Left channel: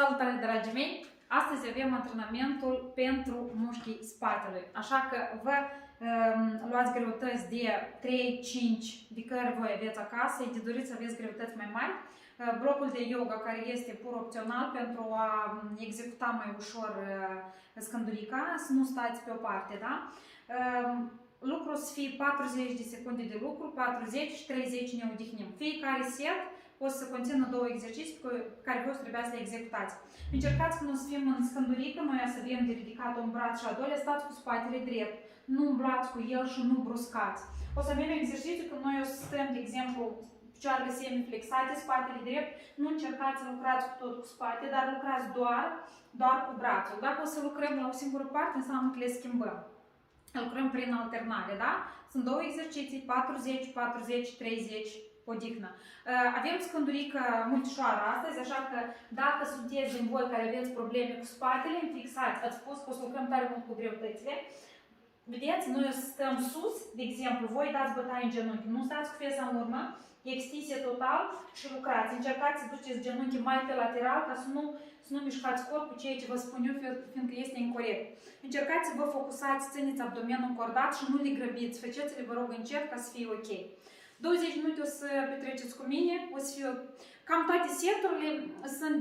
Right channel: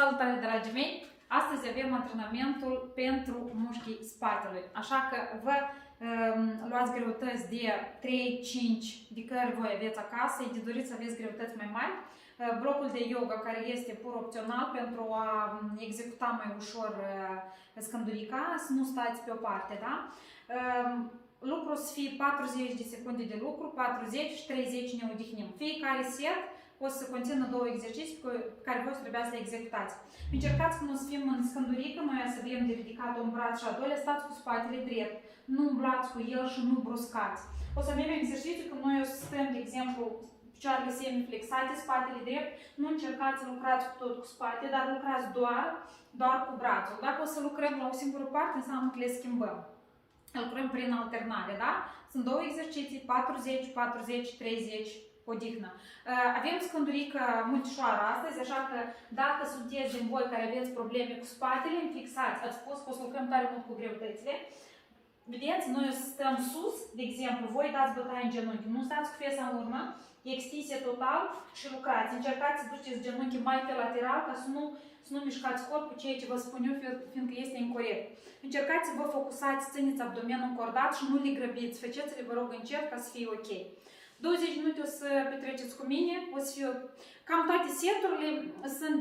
Salutare, dragii mei! Astăzi avem antrenamentul pentru mușchii spatelui, așa că vă luați greutăți de 3-5 de care voi aveți acasă, de doriți să aveți greutăți mai mari. Blocul de yoga care este pur opțional pentru a executa mai ușor scândurica, să nu stați pe o parte, da? Lucrul să fie 40 de secunde de lucru, 40 și 30 ne odihnim. Fiecare set o să conțină două exerciții pe care voi trebuie să le executați. Încercați când o să fim în scândurică, noi să avem de ridicat un braț și al doilea, stați cu spatele drept. Nu umblați cu el și nu bruscați. O să avem exerciții când noi o să stăm, de exemplu, picioarele semiflexate, spatele drept. Nu încercați să lucrați cu tot cu spate, dar lucrați doar cu brațul. Dacă o să lucrăm la o singură parte, înseamnă că le schimbăm. Lucrăm prin alternare, da? Sunt două exerciții, 40, 40, 30, odihnă. Avem scândurică multișoară astăzi, așa că dacă sunteți din voi care aveți probleme cu spatele, fixați, ați spus că o să lucrăm tare mult cu greutățile. Vedeți, noi o să stăm sus, de exemplu, voi dați bătaie în genunchi, nu stați cu fesa în urmă, extinsie total și lucrați. Încercați să duceți genunchii mai pe lateral ca să nu mișcați corpul, ceea ce vă spun eu, fiindcă este incorect. Încercați să vă focusați, țineți abdomenul încordat și nu le grăbiți, faceți-le, vă rog, încet ca să fie ok. 20 minute o să petreceți cu mine, o să fiu... Cam toate seturile sunt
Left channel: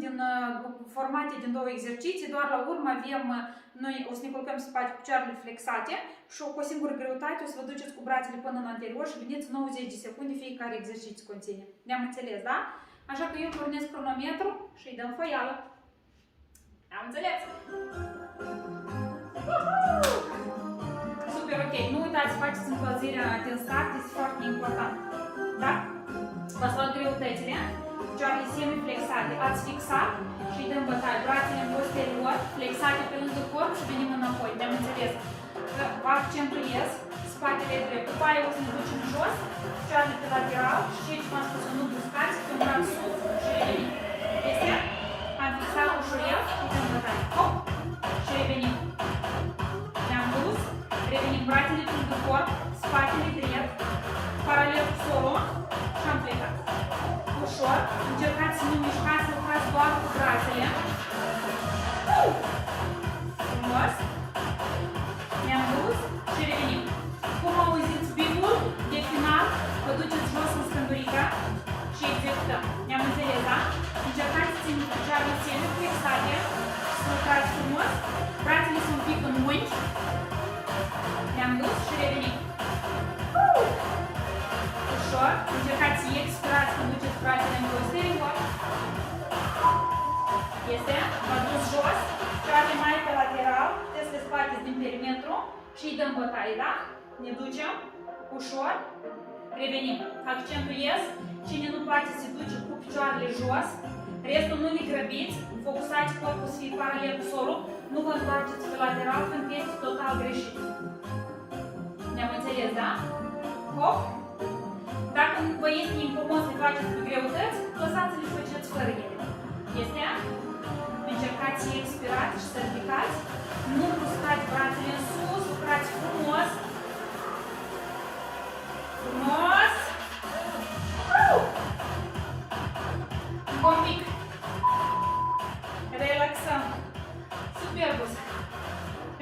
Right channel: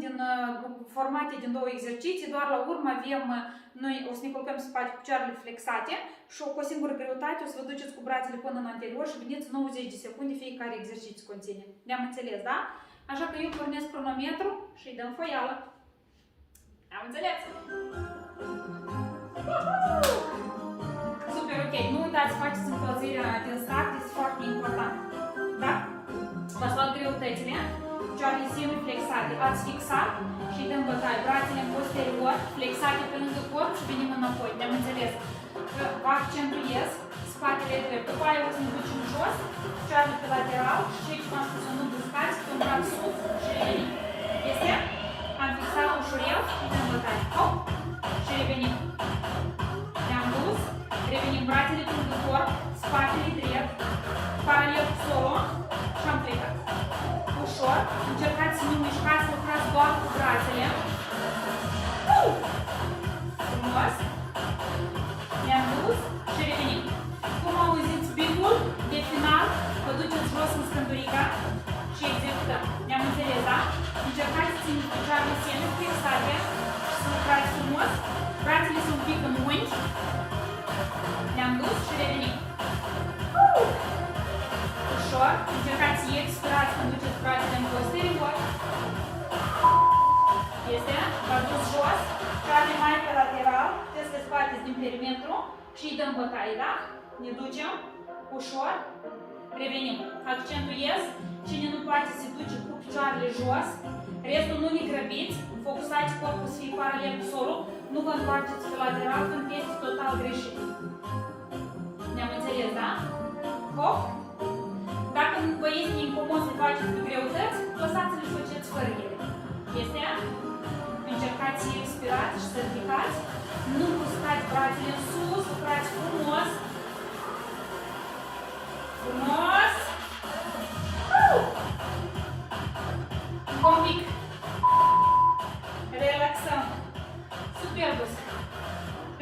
formate din două exerciții, doar la urmă avem, noi o să ne culcăm spate cu picioarele flexate și cu o singură greutate o să vă duceți cu brațele până în anterior și veniți 90 de secunde fiecare exercițiu conține. Ne-am înțeles, da? Așa că eu pornesc cronometru și îi dăm foială. Am înțeles? Super, ok. Nu uitați să faceți încălzirea din start, este foarte important. Da? V-ați luat greutățile, picioarele semiflexate, ați fixat și îi dăm bătaie. Brațele în posterior, flexate pe lângă corp și venim înapoi. Ne-am înțeles? Vă accentuez spatele drept. După aia o să ne ducem jos, picioarele pe lateral și ceea ce v-am spus, nu bruscați, pe un braț sus și revenim. Este? Am fixat ușurel și îi dăm bătaie. Hop! Și revenim. Ne-am dus, revenim brațele pe lângă corp, spatele drept, paralel cu solul și am plecat. Ușor, încercați să nu mișcați, să lucrați doar cu brațele. Frumos. Ne-am dus și revenim. Cum auziți bipul de final, vă duceți jos în scândurica și executăm. Ne-am înțeles, da? Încercați să țineți picioarele semiflexate și să lucrați frumos. Brațele sunt un pic în unghi. Ne-am dus și revenim. Ușor, încercați să expirați când duceți brațele în posterior. Este, v-ați dus jos, care mai pe lateral, puteți să le scoateți din perimetru și îi dăm bătaie, da? Ne ducem, ușor, revenim. Accentuez, cine nu poate se duce cu picioarele jos, restul nu le grăbiți, focusați corpul să fie paralel cu solul, nu vă întoarceți pe lateral când este total greșit. Ne-am înțeles, da? Hop! Dacă vă este incomod să faceți cu greutăți, lăsați-le și faceți fără ele. Este? Încercați să expirați și să ridicați. Nu bruscați brațele în sus, lucrați frumos. Frumos! Un pic. Relaxăm. Superbus.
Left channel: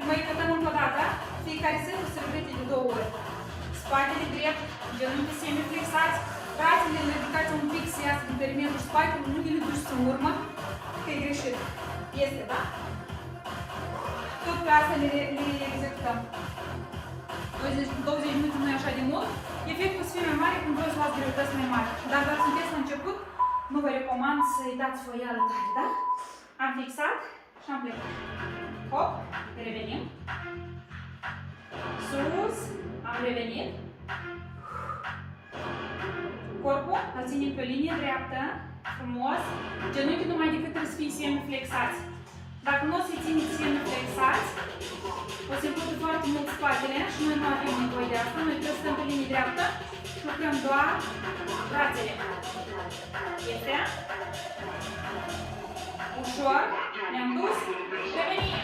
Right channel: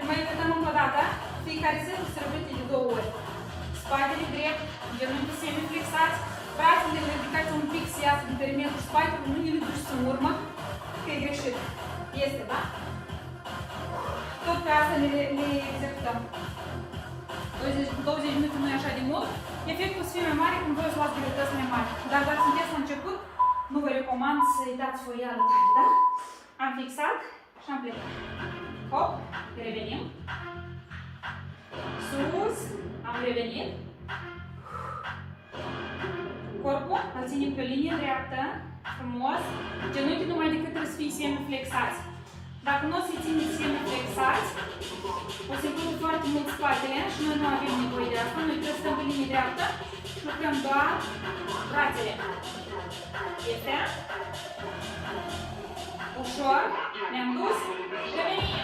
Mai repetăm încă o dată. Fiecare zi o să repete de 2 ori. Spatele drept, genunchii semiflexați, brațele le ridicați un pic să iasă din perimetrul spatelui, nu le duci în urmă, că e greșit. Este, da? Tot pe asta le executăm. 20 minute nu e așa de mult. Efectul să fie mai mare când voi să luați greutăți mai mari. Dar dacă sunteți la început, nu vă recomand să-i dați foială tare, da? Am fixat și am plecat. Hop, revenim. Sus, am revenit. Corpul îl ținem pe o linie dreaptă, frumos. Genunchii numai decât trebuie să fie semiflexați. Dacă nu o să-i țineți semiflexați, o să împlute foarte mult spatele și noi nu avem nevoie de asta. Noi trebuie să stăm pe linie dreaptă și lucrăm doar brațele. Este? Ușor, ne-am dus, revenim.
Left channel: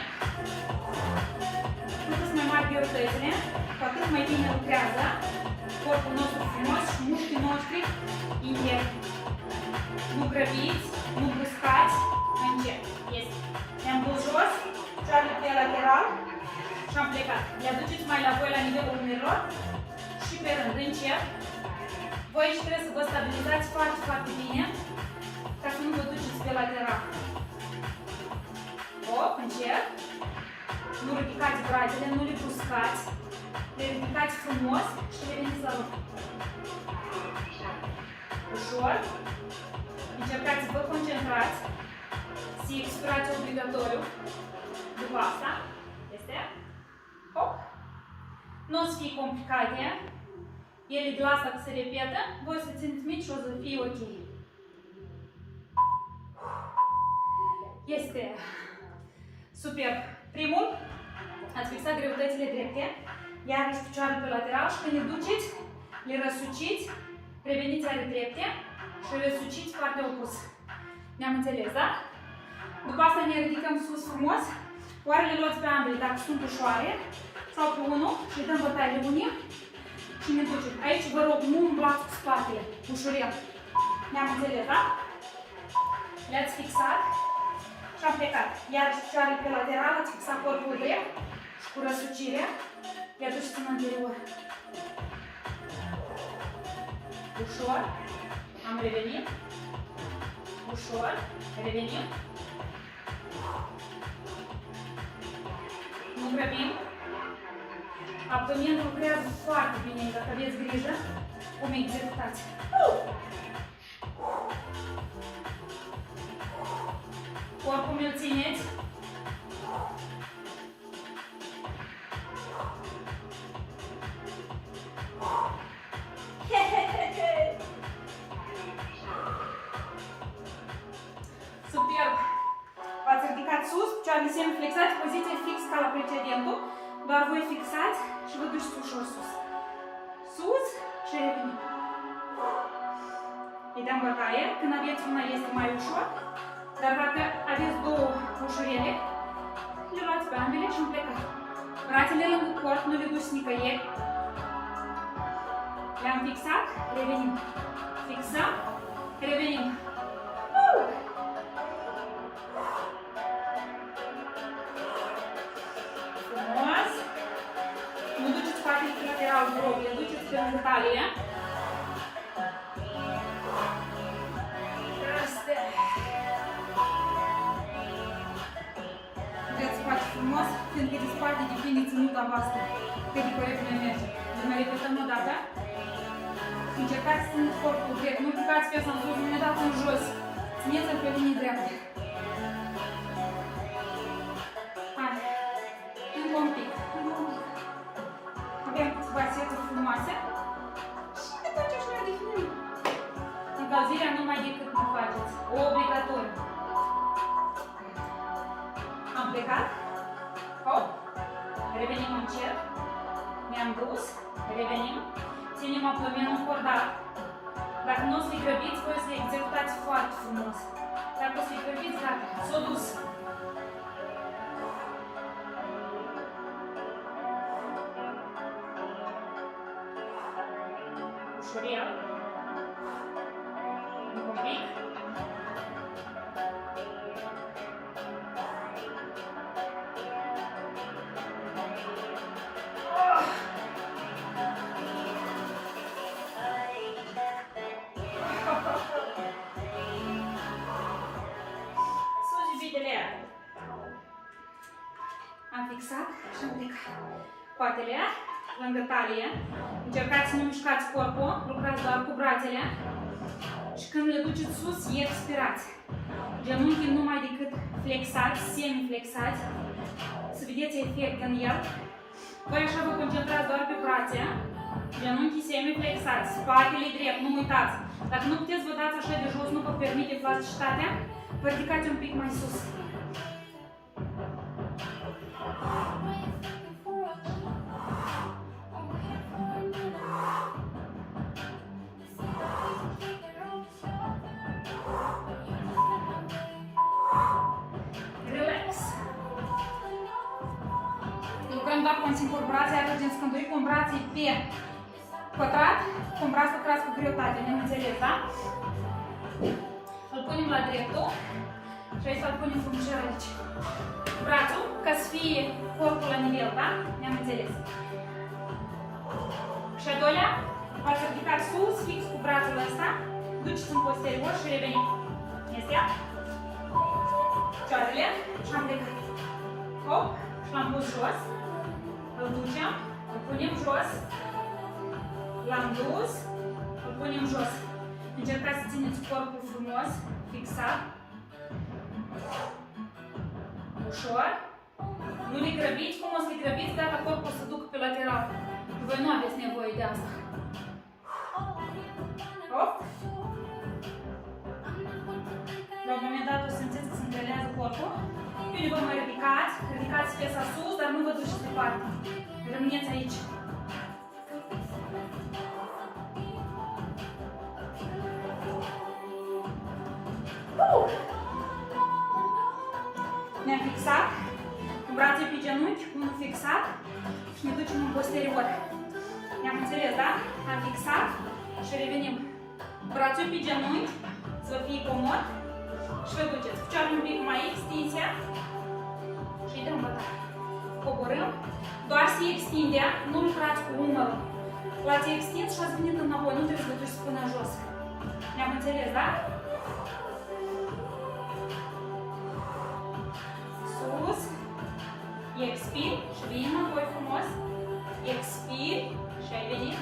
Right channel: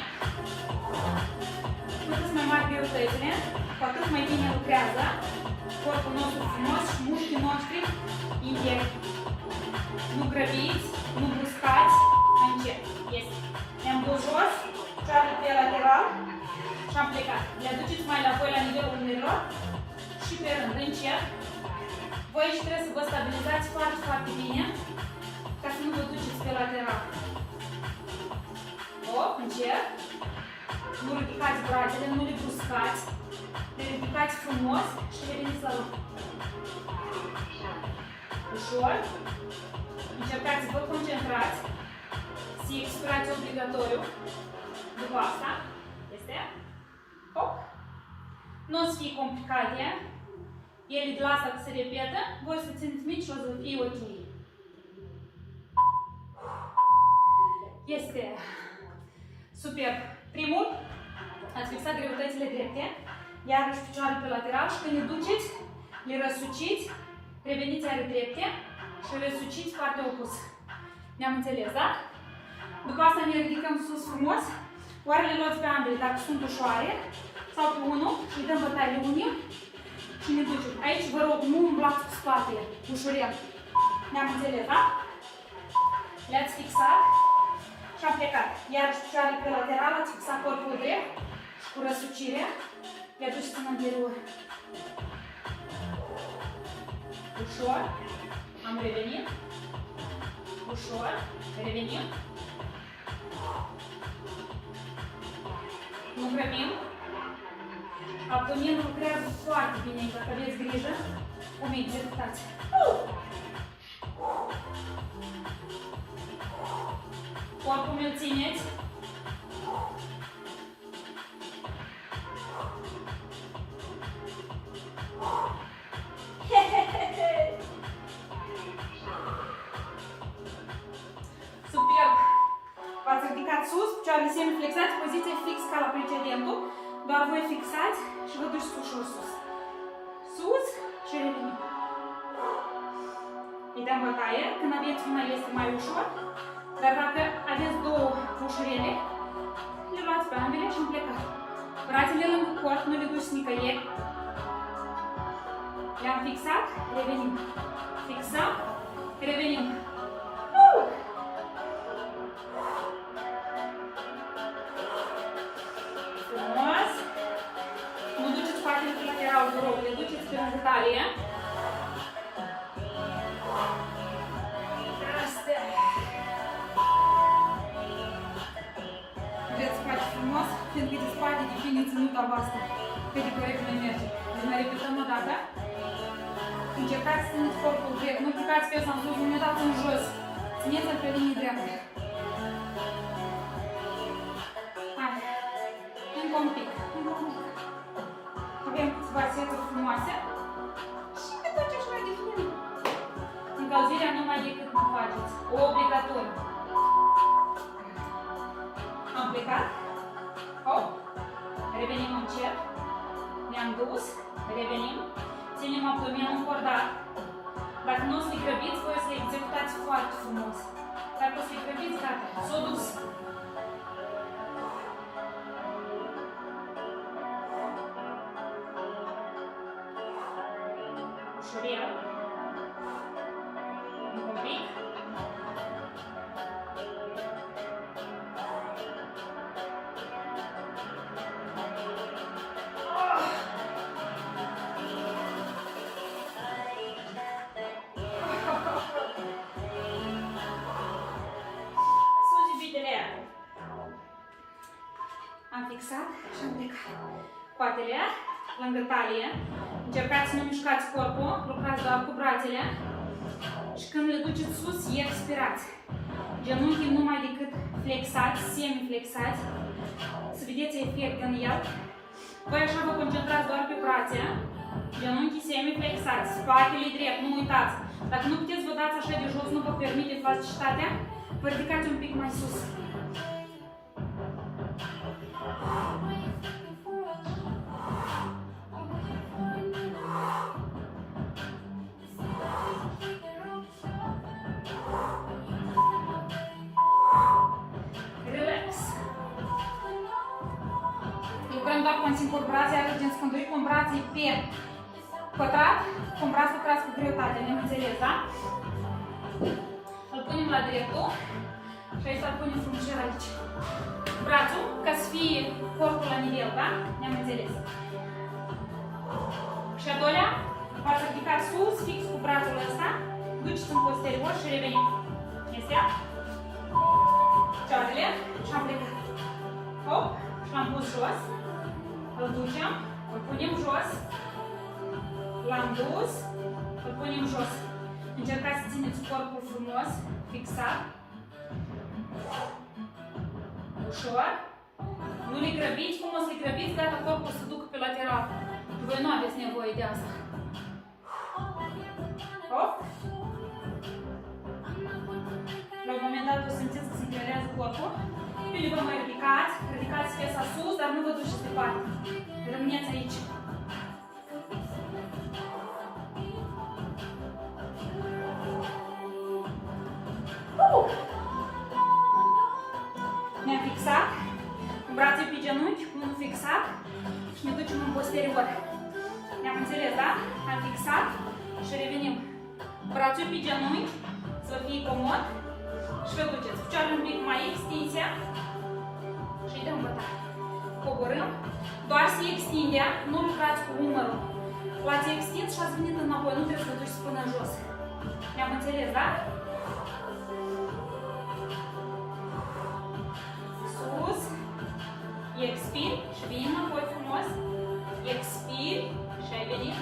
Cu cât mai mari greutățile, cu atât mai bine lucrează corpul nostru frumos și mușchii noștri interi. Nu grăbiți, nu bruscați, mai încet. Este. Ne-am dus jos, picioarele pe lateral și am plecat. Le aduceți mai la voi la nivelul umerilor și pe rând, încet. Voi și trebuie să vă stabilizați foarte, foarte bine ca să nu vă duceți pe lateral. Hop, încet. Nu ridicați brațele, nu le bruscați. Le ridicați frumos și reveniți la loc. Ușor. Încercați să vă concentrați. Să expirați obligatoriu. După asta. Este. Hop. Nu o să fie complicate. Ele de la asta că se repetă. Voi să țineți mici și o să fie ok. Este. Super. Primul. Ați fixat greutățile drepte. Iarăși picioarele pe lateral și când le duceți, le răsuciți, reveniți are drepte și răsuciți partea opusă. Ne-am înțeles, da? După asta ne ridicăm sus frumos, oarele luați pe ambele dacă sunt ușoare sau pe unul și îi dăm bătaie de unii și ne ducem. Aici vă rog, nu umblați cu spatele, ușurel. Ne-am înțeles, da? Le-ați fixat și am plecat. Iarăși picioarele pe lateral, ați fixat corpul drept și cu răsucire. Le aduceți în anterior. Ușor. Am revenit. Ușor. Revenim. Nu grăbim. Abdomenul lucrează foarte bine. Dacă aveți grijă, cum executați. Corpul mi-l țineți. Superb! V-ați ridicat sus, picioarele semiflexați, poziție fix ca la precedentul, doar voi fixați și vă duceți ușor sus. Sus și revenim. Îi dăm bătaie, când aveți una este mai ușor, dar dacă aveți două ușurele, le luați pe ambele și îmi plecați. Brațele lângă corp, nu le duceți nicăieri. Le-am fixat, revenim. Fixăm, revenim. Frumos. Nu duceți spatele pe lateral, vă rog, le duceți pe lângă talie. Astea. Vreți să faci frumos, fiindcă de spate depinde ținuta voastră. Cât de corect ne merge. Deci mai repetăm o dată. Încercați să țineți corpul drept, nu picați piesa în sus, nu ne dați în jos. Țineți-l pe linie dreaptă. Hai. Încă un pic. Avem câteva seturi frumoase. Și de tot ce și mai definim. Încălzirea numai decât nu faceți. Obligatoriu. Am plecat. Hop. Revenim încet. Ne-am dus. Revenim. Ținem abdomenul încordat. Dacă nu o să-i grăbiți, voi să-i executați foarte frumos. Dacă o să-i grăbiți, gata, s-o dus. Ușurel. Încă un pic. Am fixat și am plecat. Coatele lângă talie. Încercați să nu mișcați corpul, lucrați doar cu brațele. Și când le duceți sus, expirați. Genunchii numai decât flexați, semi-flexați. Să vedeți efect în el. Voi așa vă concentrați doar pe brațe. Genunchii semi-flexați, spatele drept, nu uitați. Dacă nu puteți vă dați așa de jos, nu vă permite elasticitatea, vă ridicați un pic mai sus. Relax. Lucrăm doar cu un singur braț, iar în scânduri cu un braț pe pătrat, cu un braț să crească greutatea, ne înțeles, da? Îl punem la dreptul Și aici îl punem frumușel aici. Brațul, ca să fie corpul la nivel, da? Ne-am înțeles. Și a doilea, v-ați ridicat sus, fix cu brațul ăsta, duceți în posterior și revenim. Este ea? Picioarele și am plecat. Hop, și l-am pus jos. Îl ducem, îl punem jos. L-am dus, îl punem jos. Încercați să țineți corpul frumos, fixat. Ușor. Nu le grăbiți, cum o să le grăbiți, gata, corpul să ducă pe lateral. Voi nu aveți nevoie de asta. Hop. La un moment dat o simțiți că se încrelează corpul. Bine, vă mai ridicați, ridicați piesa sus, dar nu vă duceți departe. Rămâneți aici. Ne-am fixat, cu brațe pe genunchi, unul fixat și ne ducem în posterior. Ne-am înțeles, da? Am fixat și revenim. Brațul pe genunchi, să fie comod și vă duceți. Picioarele un pic mai extinse și îi dăm bătaie. Coborâm, doar să extindea, nu lucrați cu umărul. L-ați extins și ați venit înapoi, nu trebuie să vă duceți până jos. Ne-am înțeles, da? Sus, expir și vin înapoi frumos, expir și ai venit.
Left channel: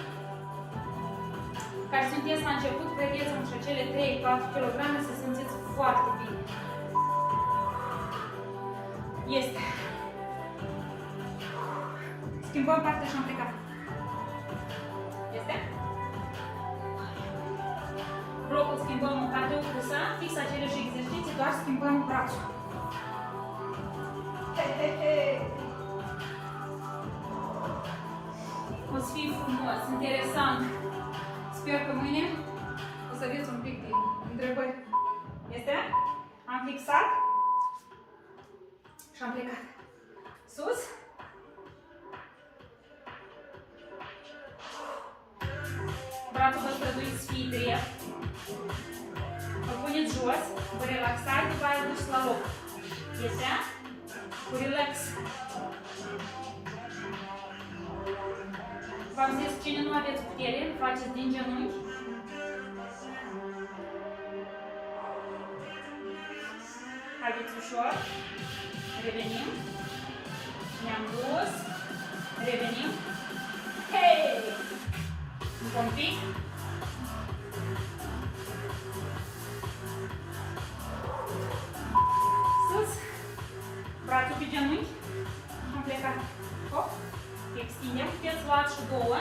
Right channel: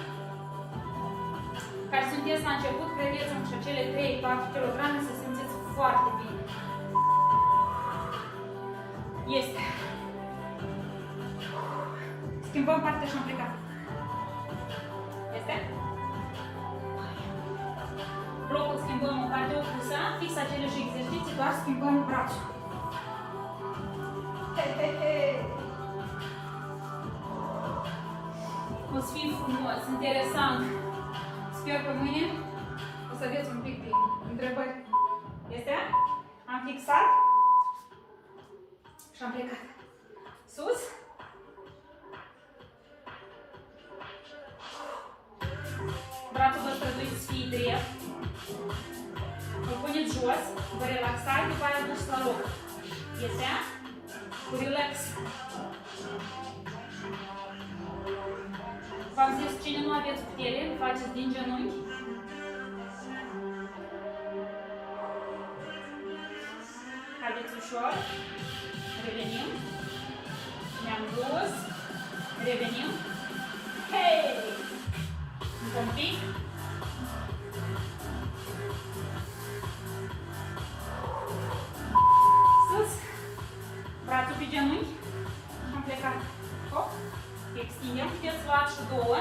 Care sunteți la început, credeți-mă și acele 3-4 kg să simțiți foarte bine. Este. Schimbăm partea și am plecat. Este? Blocul schimbăm în partea opusă, fix aceleși exerciții, doar schimbăm brațul. O să fie frumos, interesant. Sper că mâine o să aveți un pic de întrebări. Este? Am fixat și am plecat. Sus. Brațul vă străduiți să fie drept. Îl puneți jos, vă relaxați, după aia duceți la loc. Este? Cu relax. V-am zis, cine nu aveți putere, faceți din genunchi. Haideți ușor. Revenim. Ne-am dus. Revenim. Hei! Încă un pic. Sus. Brațul pe genunchi. Am plecat. Hop. Extindem. Puteți lua și două.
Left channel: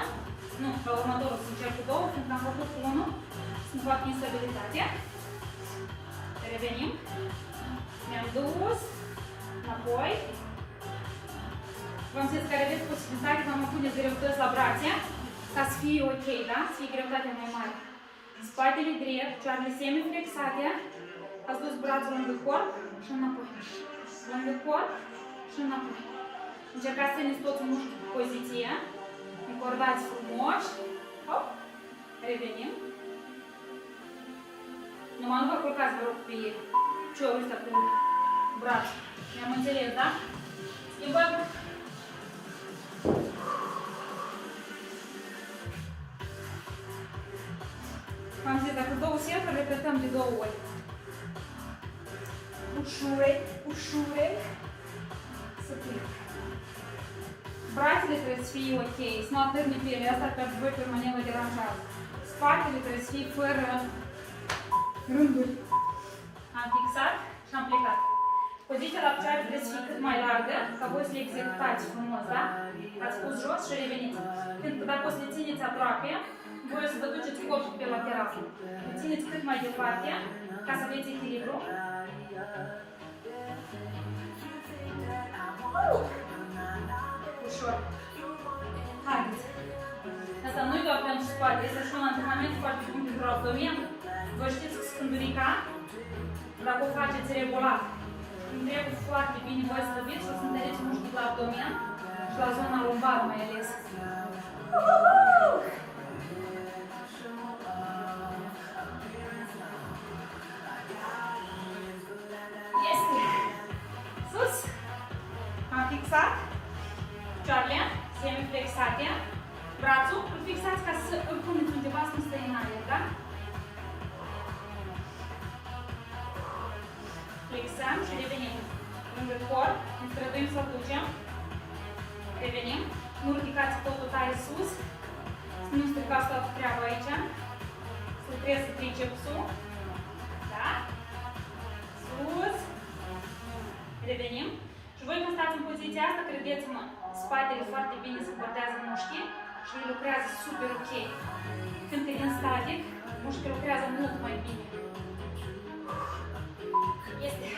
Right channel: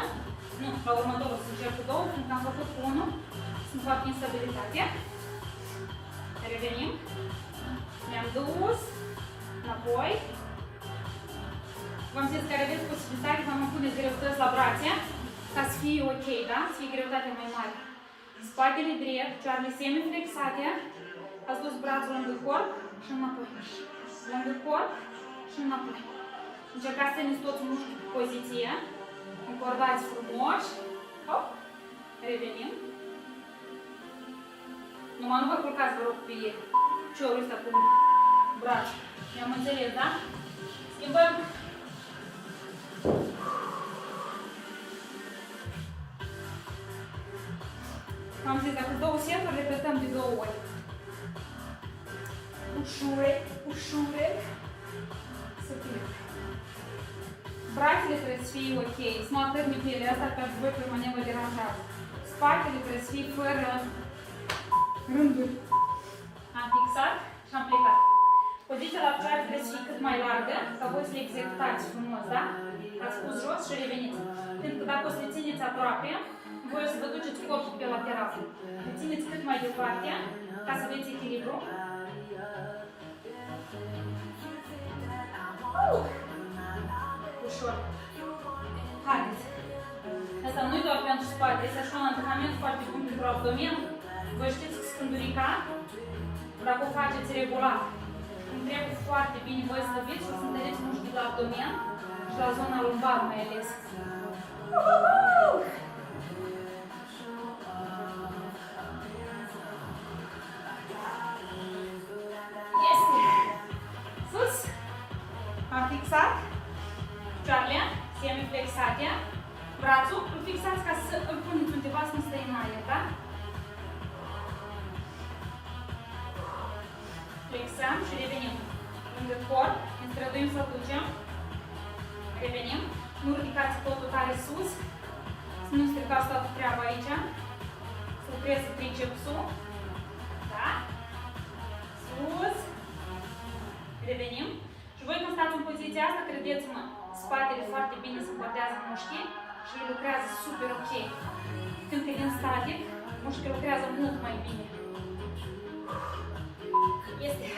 Nu, la următorul o să încerc cu două, fiindcă am făcut cu unul. Sunt foarte instabilitate. Revenim. Ne-am dus. Înapoi. V-am zis că aveți posibilitatea că mă puneți greutăți la brațe, ca să fie ok, da? Să fie greutatea mai mare. Spatele drept, picioarele semi-flexate, ați dus brațul lângă corp și înapoi. Lângă corp și înapoi. Încercați să țineți toți mușchii pe poziție. Încordați frumos. Hop. Revenim. Numai nu vă culcați, vă rog, pe piciorul ăsta cu brațul. Ne-am înțeles, da? Schimbăm. Am zis, dacă două seturi, repetăm de 2 ori. Ușurel, ușurel. Să fie. Brațele trebuie să fie ok, să nu atârni pielea asta pe voi permanent vă deranjează. Spatele trebuie să fie fără rânduri. Am fixat și am plecat. Poziția la picioare trebuie să fie cât mai largă, ca voi să le executați frumos, da? Ați pus jos și reveniți. Pentru că dacă o să le țineți aproape, voi o să vă duceți corpul pe lateral. Le țineți cât mai departe, ca să aveți echilibru. Ușor. Haideți. Asta nu e doar pentru spate, este și un antrenament foarte bun pentru abdomen. Vă știți că scândurica, dacă o faceți regulat, îmi trebuie foarte bine voi slăbiți și o să întăreți mușchii la abdomen și la zona lumbară mai ales. picioarele semi-flexate, brațul îl fixați ca să îl puneți undeva să nu stă în aer, da? Flexăm și revenim lângă corp, ne străduim să-l ducem, revenim, nu ridicați totul tare sus, să nu stricați toată treaba aici, să lucreze tricepsul, da? Sus, revenim și voi când stați în poziția asta, credeți-mă, spatele foarte bine se împărtează mușchii și le lucrează super ok. Când e din static, mușchii lucrează mult mai bine. Este.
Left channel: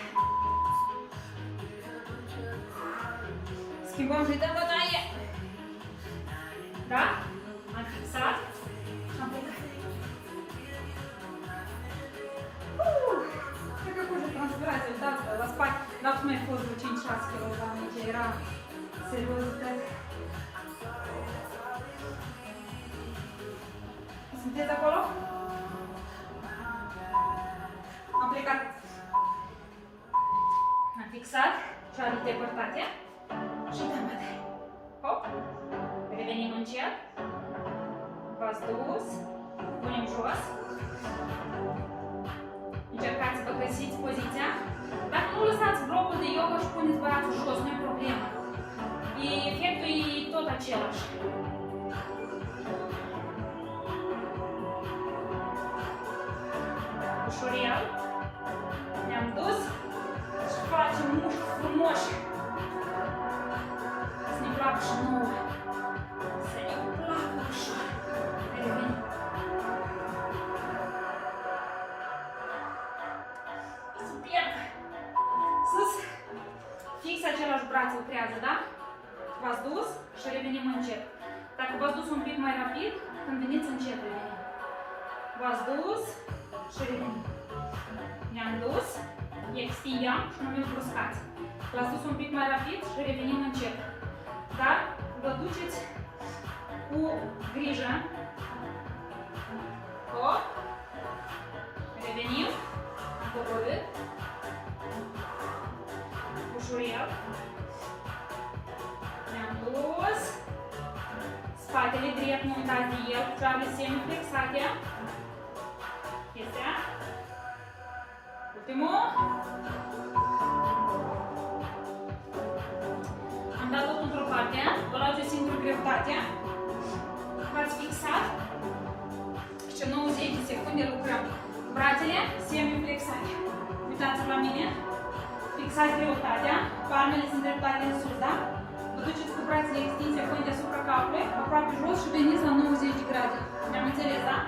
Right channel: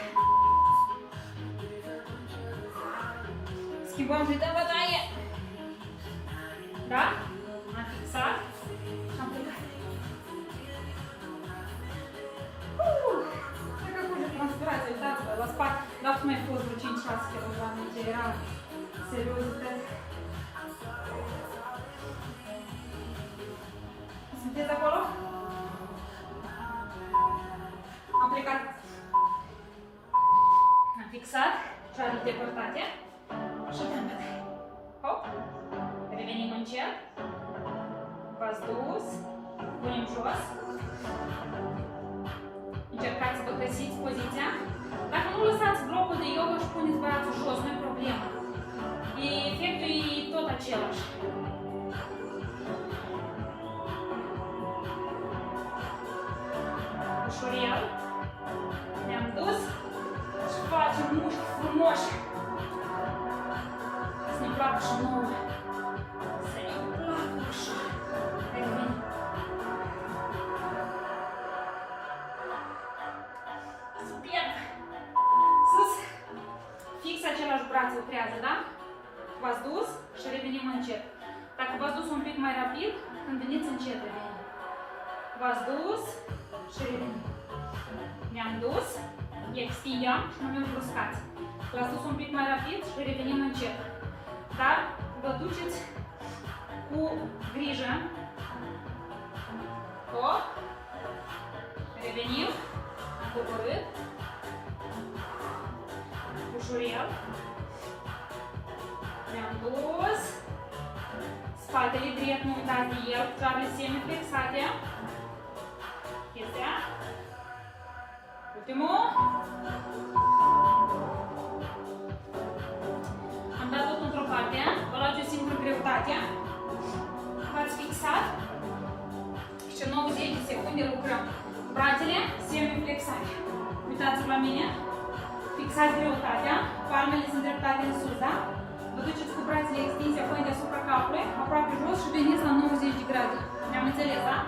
Schimbăm și dăm bătaie. Da? Am fixat și am plecat. Cred că curge transpirația, uitați-vă, la spate. Dar cum ai fost vreo 5-6 kg, ce era seriozitate. Sunteți acolo? Am plecat. Am fixat cealaltă depărtate și dăm bătaie. Hop! Revenim încet. V-ați dus. Punem jos. Încercați să vă găsiți poziția. Dacă nu lăsați blocul de yoga și puneți brațul jos, nu e problemă. Efectul e tot același. Ușurel. Ne-am dus și facem mușchi frumoși. Să ne placă și nouă. Să ne placă ușor. Revenim. Super! Sus! Fix același braț lucrează, da? V-ați dus și revenim încet. Dacă v-ați dus un pic mai rapid, când veniți încet revenim. V-ați dus și revenim. Ne-am dus, extindem și nu ne bruscați. L-ați dus un pic mai rapid și revenim încet. Dar vă duceți cu grijă. Hop. Revenim. Am coborât. Ușurel. Ne-am dus. Spatele drept, nu uitați de el, picioarele semi-flexate. Este. Ultimul. Am dat tot într-o parte. Vă luați o singură greutate. V-ați fixat. Și 90 de secunde lucrăm. Brațele semi-flexate. Uitați-vă la mine. Fixați greutatea. Palmele sunt dreptate în sus, da? Vă duceți cu brațele extinse apoi deasupra capului, aproape jos și veniți la 90 de grade. Ne-am înțeles, da?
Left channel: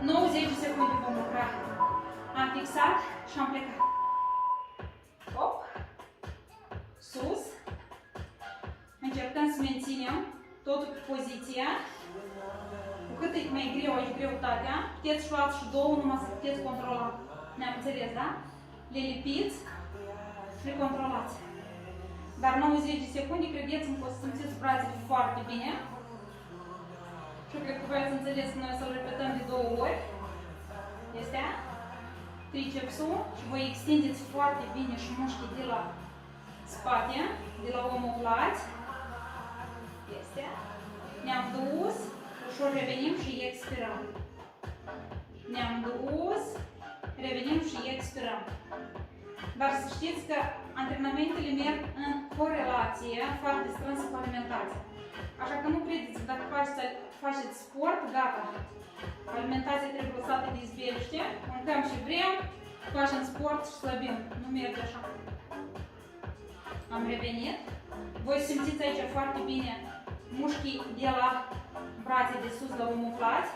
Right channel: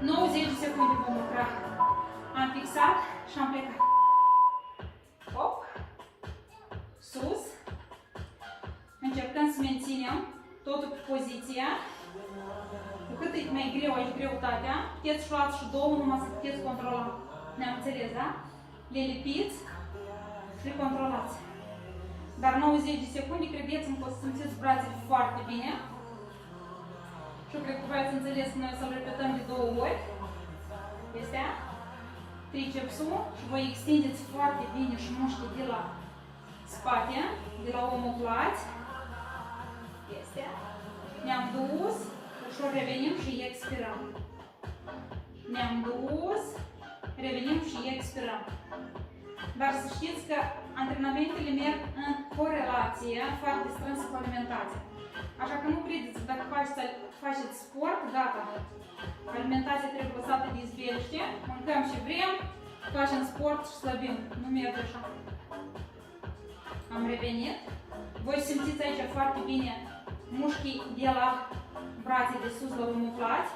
90 de secunde vom lucra. Am fixat și am plecat. Hop. Sus. Încercăm să menținem totul pe poziția. Cu cât e mai greu aici greutatea, puteți să luați și două, numai să puteți controla. Ne-am înțeles, da? Le lipiți și le controlați. Dar 90 de secunde, credeți-mă că o să simțiți brațele foarte bine. Și eu cred că voi ați înțeles că noi o să-l repetăm de 2 ori. Este tricepsul și voi extindeți foarte bine și mușchii de la spate, de la omoplați. Este. Ne-am dus, ușor revenim și expirăm. Ne-am dus, revenim și expirăm. Dar să știți că antrenamentele merg în corelație foarte strânsă cu alimentația. Așa că nu credeți că dacă faceți sport, gata. Alimentația trebuie lăsată de izbeliște, mâncăm și vrem, facem sport și slăbim. Nu merge așa. Am revenit. Voi simțiți aici foarte bine mușchii de la brațe de sus la omoplați.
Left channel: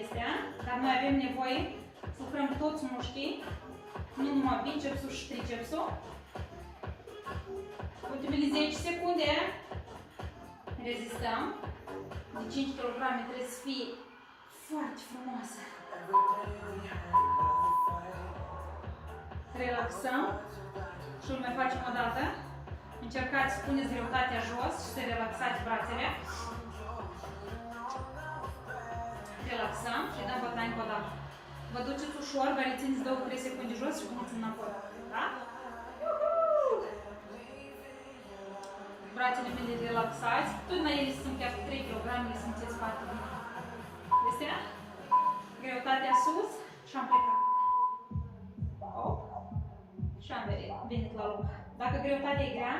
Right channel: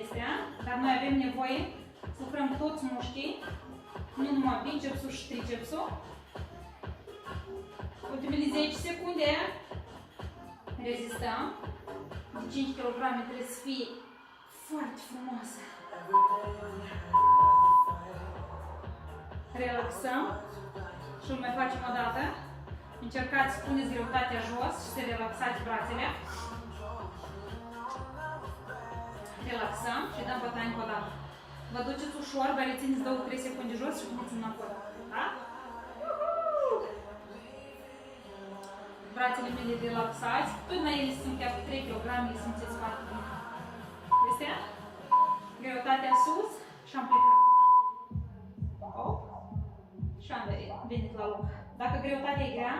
Este, dar noi avem nevoie să lucrăm toți mușchii, nu numai bicepsul și tricepsul. Ultimele 10 secunde. Rezistăm. De 5 kg trebuie să fie foarte frumoasă. Relaxăm și îl mai facem o dată. Încercați să puneți greutatea jos și să relaxați brațele. Relaxăm și dăm bătaie încă o dată. Vă duceți ușor, vă rețineți 2-3 secunde jos și puneți înapoi. Da? brațele mele relaxați, tot la ele sunt chiar 3 kg, le simțiți foarte bine. Este greutatea sus și am plecat. Hop. Și am venit la loc. Dacă greutatea e grea,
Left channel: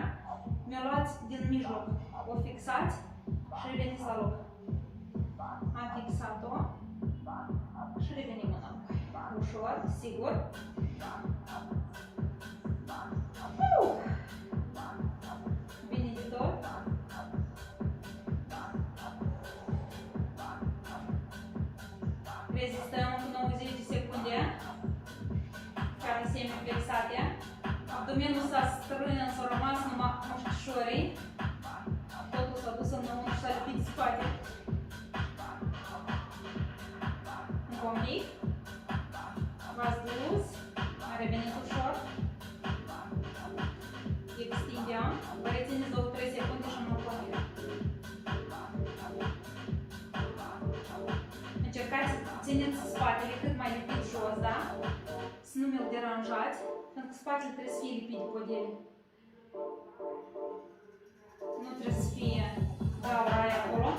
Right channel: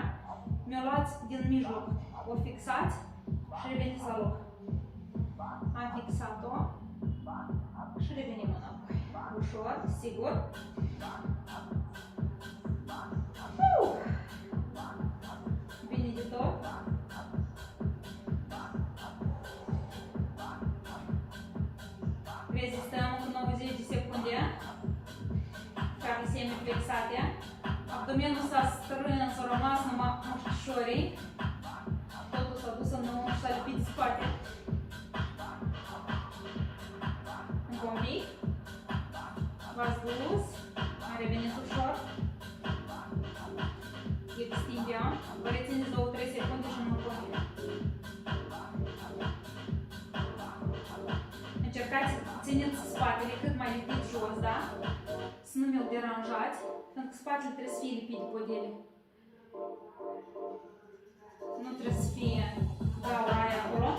mi-o luați din mijloc, o fixați și reveniți la loc. Am fixat-o și revenim înapoi. Ușor, sigur. Bine de tot. Rezistăm încă 90 de secunde. Care semiflexate. Abdomenul s-a strâns, s-a rămas numai mușchișorii. Totul s-a dus înăuntru și s-a lipit spate. Încă un pic. V-ați dus. Mai reveniți ușor. Extindem. Vă rețineți 2-3 secunde și nu continuăm. Încercați să țineți spatele cât mai lipit jos, da? Să nu mi-l deranjați, pentru că spatele trebuie să fie lipit de podele. Nu trebuie să fie gaura aia acolo.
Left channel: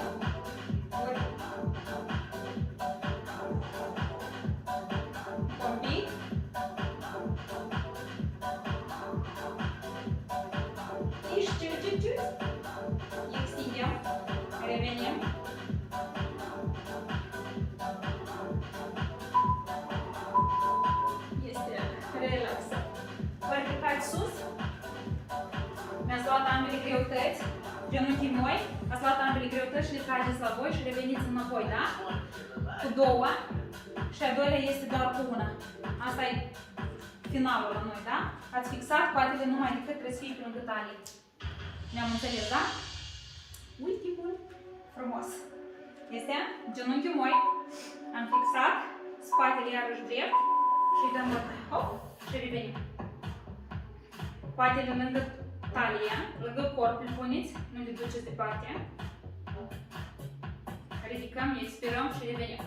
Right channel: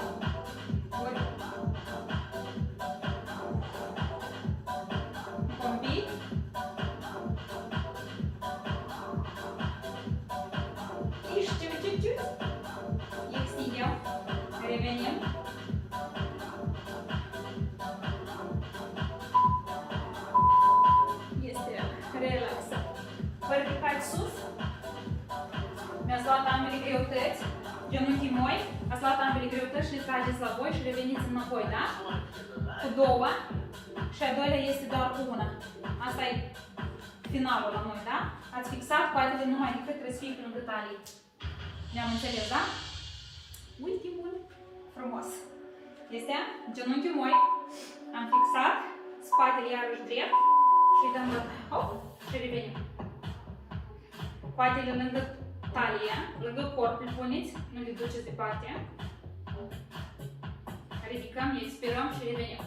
Ori un pic. Și ciu. Extindem. Revenim. Relaxat. Vă ridicați sus. Mi-ați luat ambele greutăți, genunchii moi, ați luat ambele greutăți și le trageți la voi și reveniți înapoi, da? Cu două. Și a doilea este doar cu una. Asta e finalul la noi, da? Ați fixat coatele numai decât trebuie să fie pe lângă talie. Ne-am înțeles, da? Ultimul frumos. Este genunchiul moi. Am fixat spatele iarăși drept. Și dăm bătaie. Hop! Și revenim. Coatele lângă talie, lângă corp îl puneți, nu le duceți departe. Ridicăm, expirăm și revenim.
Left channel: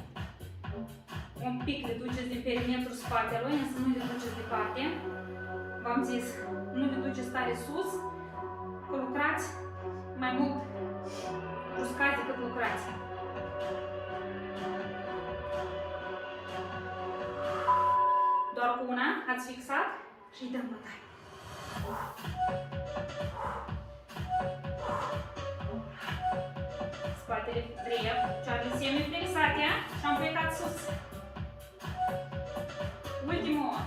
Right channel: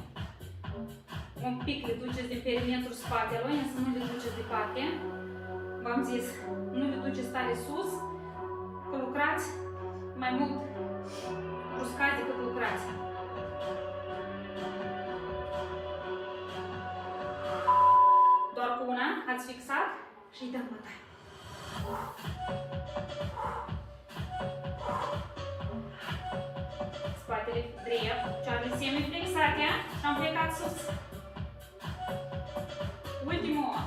Un pic le duceți din perimetrul spatelui, însă nu le duceți departe. V-am zis, nu le duceți tare sus, că lucrați mai mult bruscați decât lucrați. Doar cu una ați fixat și îi dăm bătaie. Spatele drept, picioarele semiflexate și am plecat sus. Ultimul.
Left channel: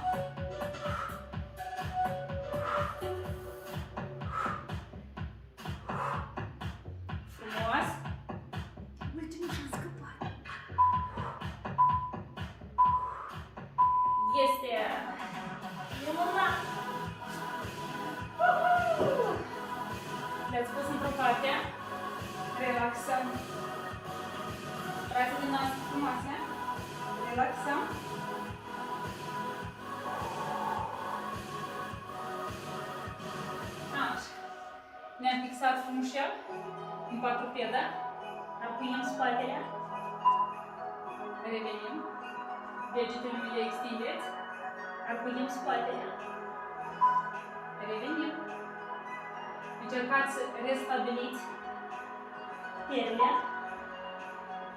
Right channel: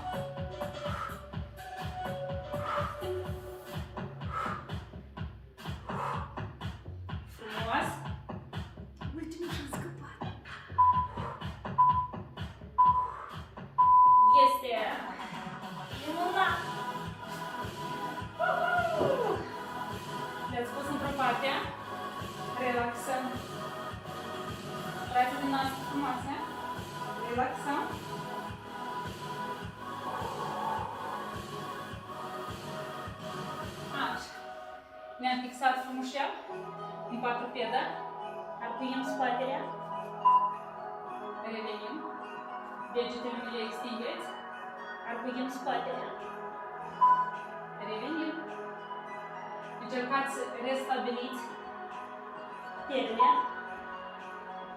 Frumos. Ultimul și-am scăpat. Este minunat! Le-ați pus într-o parte, relaxăm brațele noastre frumoase, relaxăm. Așa. Ne-am fixat frumușel în patrupedă, apuiem spatele, revenim. Degetele mi le extindeți, arcuiem spatele, revenim. Încercați să restabiliți puterile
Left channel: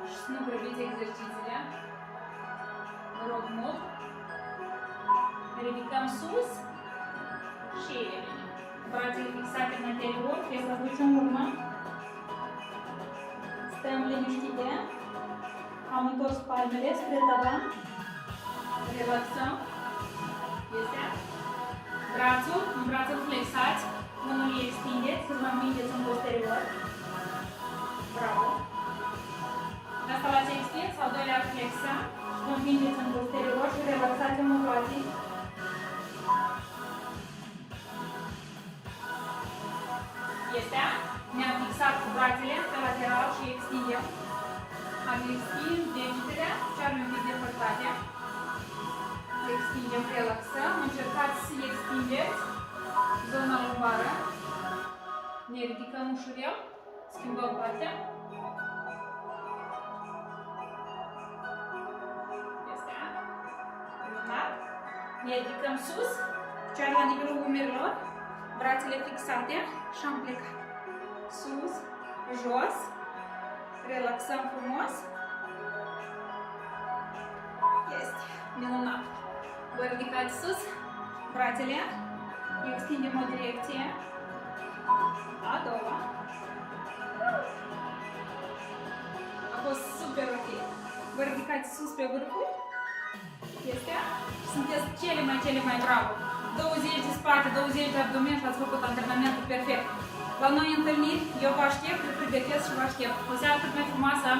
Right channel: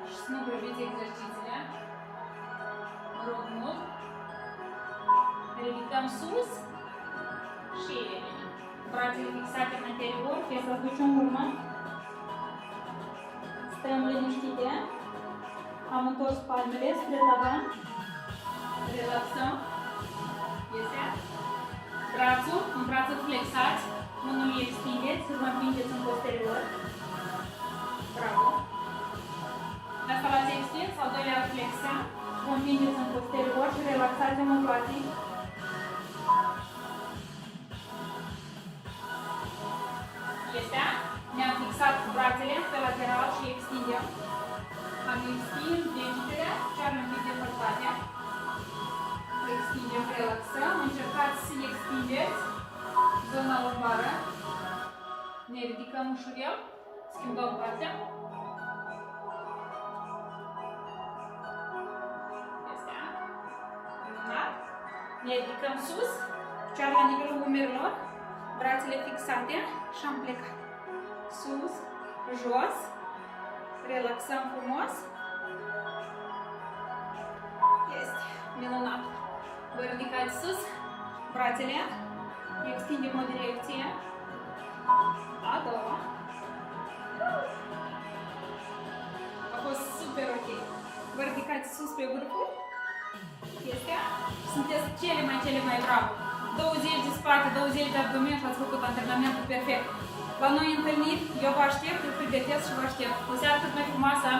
și să nu grăbiți exercițiile. Vă rog mult. Ridicăm sus și revenim. Brațele fixate în anterior, fie să duci în urmă. Stăm liniștite. Am întors palmele spre tavan. Relaxăm. Este. Brațul, în brațul flexați. Unul îl extindeți, să vă împingeți în posterior. Bravo. Asta l-ați extins, al doilea flexă. Vă împingeți în posterior și relaxați omoplații. Este. Ne-am fixat cu brațele pe lateral și extindem. Am extins degetele, picioarele un pic depărtate. Extindem, relaxăm. Încercați să extindeți zona lombară. Ne ridicăm ușurel. Schimbăm partea. Este. Minunat. Ne ridicăm sus. Picioarele la nivelul umerilor. Brațele fixate și am plecat. sus, jos, relaxăm frumos. Este minunat. Vă ridicați sus, brațele, extindem o direcție, a doua. A fost super ok. Vă ridicați sus pe vârfuri. Este. Sunteți cele mai bravo. 20 de spate, 20 de abdomen și ați făcut antrenamentul perfect. La noi întâlniri, eu vă aștept, îl pregătesc și vă aștept. O seară cât mai frumoasă!